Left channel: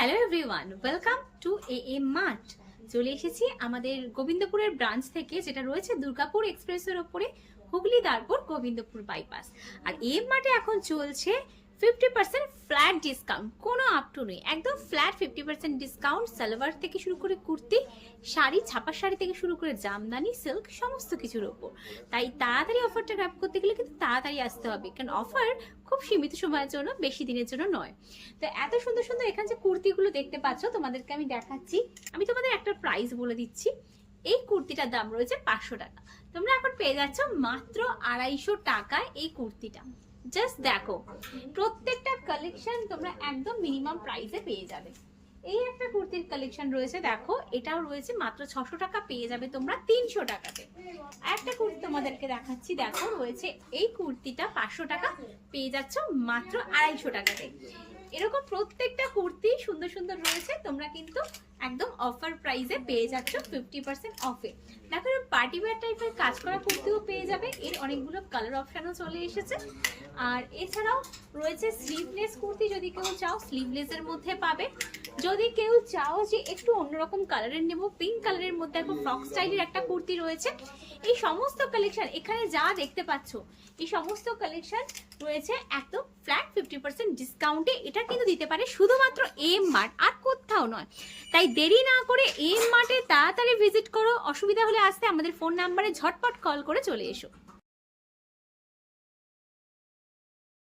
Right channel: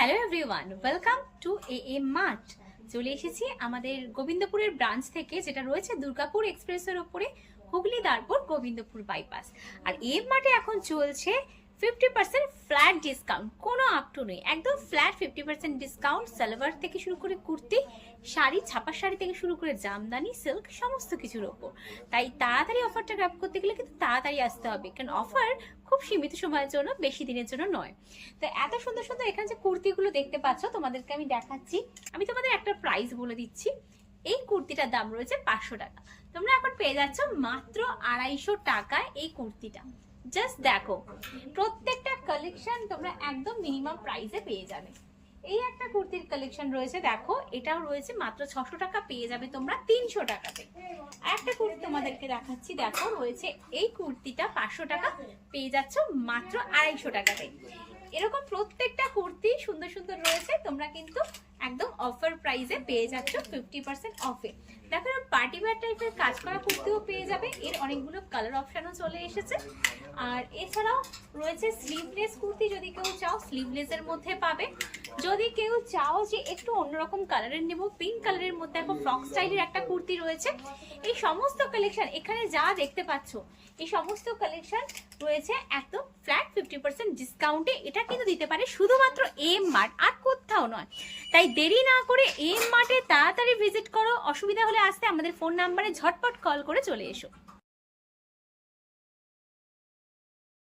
Hello everyone, welcome to am mart. চলে এসেছি আমাদের গোবিন্দপুরের ব্রাঞ্চ থেকে, যেটা রয়েছে দুর্গাপুর এক্সপ্রেসের ওপরে, হুগলি দারপুর গোবিন্দপুর বাইপাস। আর এএম মার্টে এখন চলছে 50% ফ্ল্যাট ডিসকাউন্ট, কোনো আপ টু নেই, একদম ফ্ল্যাট 50% ডিসকাউন্ট। সালোয়ার থেকে শুরু করে কুর্তি, শাড়ি, ছাপা শাড়ি থেকে শুরু করে জামদানি, সিল্ক, সমস্ত কিছুর ওপর। তাই তাড়াতাড়ি অফারটা গ্র্যাব করতে গেলে কিন্তু তাড়াতাড়ি আসতে হবে, কারণ অফার খুব সীমিত সময়ের জন্য, বেশি দিনের জন্য নয়। তো এত সুন্দর সুন্দর এখানে যে কুর্তিগুলো দেখতে পাচ্ছ, তোমাদেরকে আমি দেখাচ্ছি। আমি তোমাদের একটা প্রাইস বলে দিচ্ছি। এই কুর্তিটার দাম রয়েছে 500 টাকা। তোমরা এখন পেয়ে যাচ্ছ মাত্র 250 টাকায় এই কুর্তিটা। জাস্ট দেখো, প্রত্যেকটা কালেকশন তোমরা একদম মিনিমাম প্রাইসে পেয়ে যাবে। এই একটা কুর্তির কালেকশন রয়েছে, দেখো, এটাও রয়েছে মাত্র 600 টাকা, পেয়ে যাবে তোমরা 300 টাকাতে। একটা কুর্তি তোমাদেরকে দেখাচ্ছি, দেখো, রয়েছে এই কুর্তিটা 500 টাকা, পেয়ে যাচ্ছ মাত্র 250 টাকাতে। এরকম প্রত্যেকটা কুর্তি সুন্দর সুন্দর রয়েছে, তোমরা কিন্তু একদম অফার প্রাইসে পেয়ে যাচ্ছ 50% অফে। দেখো, পার্টি ওয়্যার টাইপের কাজ করা কুর্তিও পেয়ে যাবে, এর অনেকগুলো কালার অপশনও চলে এসেছে। আর এছাড়াও রয়েছে স্লিভলেস কুর্তি, যদি কেউ চাও স্লিভলেসের মধ্যে পাবে। যদি কেউ চাও যে একটু অন্যরকম কালারের নেব, পিঙ্ক কালারের মধ্যে এখন ফ্রক স্টাইলের একটা কুর্তি রয়েছে। এই সমস্ত কালেকশন এখানে যা দেখতে পাচ্ছ, এই সমস্ত কালেকশন রয়েছে একদম ফ্ল্যাট 50% ডিসকাউন্টে। এটা কিন্তু দিতে পারে শুধুমাত্র এম মার্ট, আর কোথাও নয়। তাই দেরি না করে এম মার্টে তাড়াতাড়ি ভিজিট করো। অসুবিধা হলে আসতে আমাদের ফোন নাম্বারে ঝটপট কল করে চলে এসো।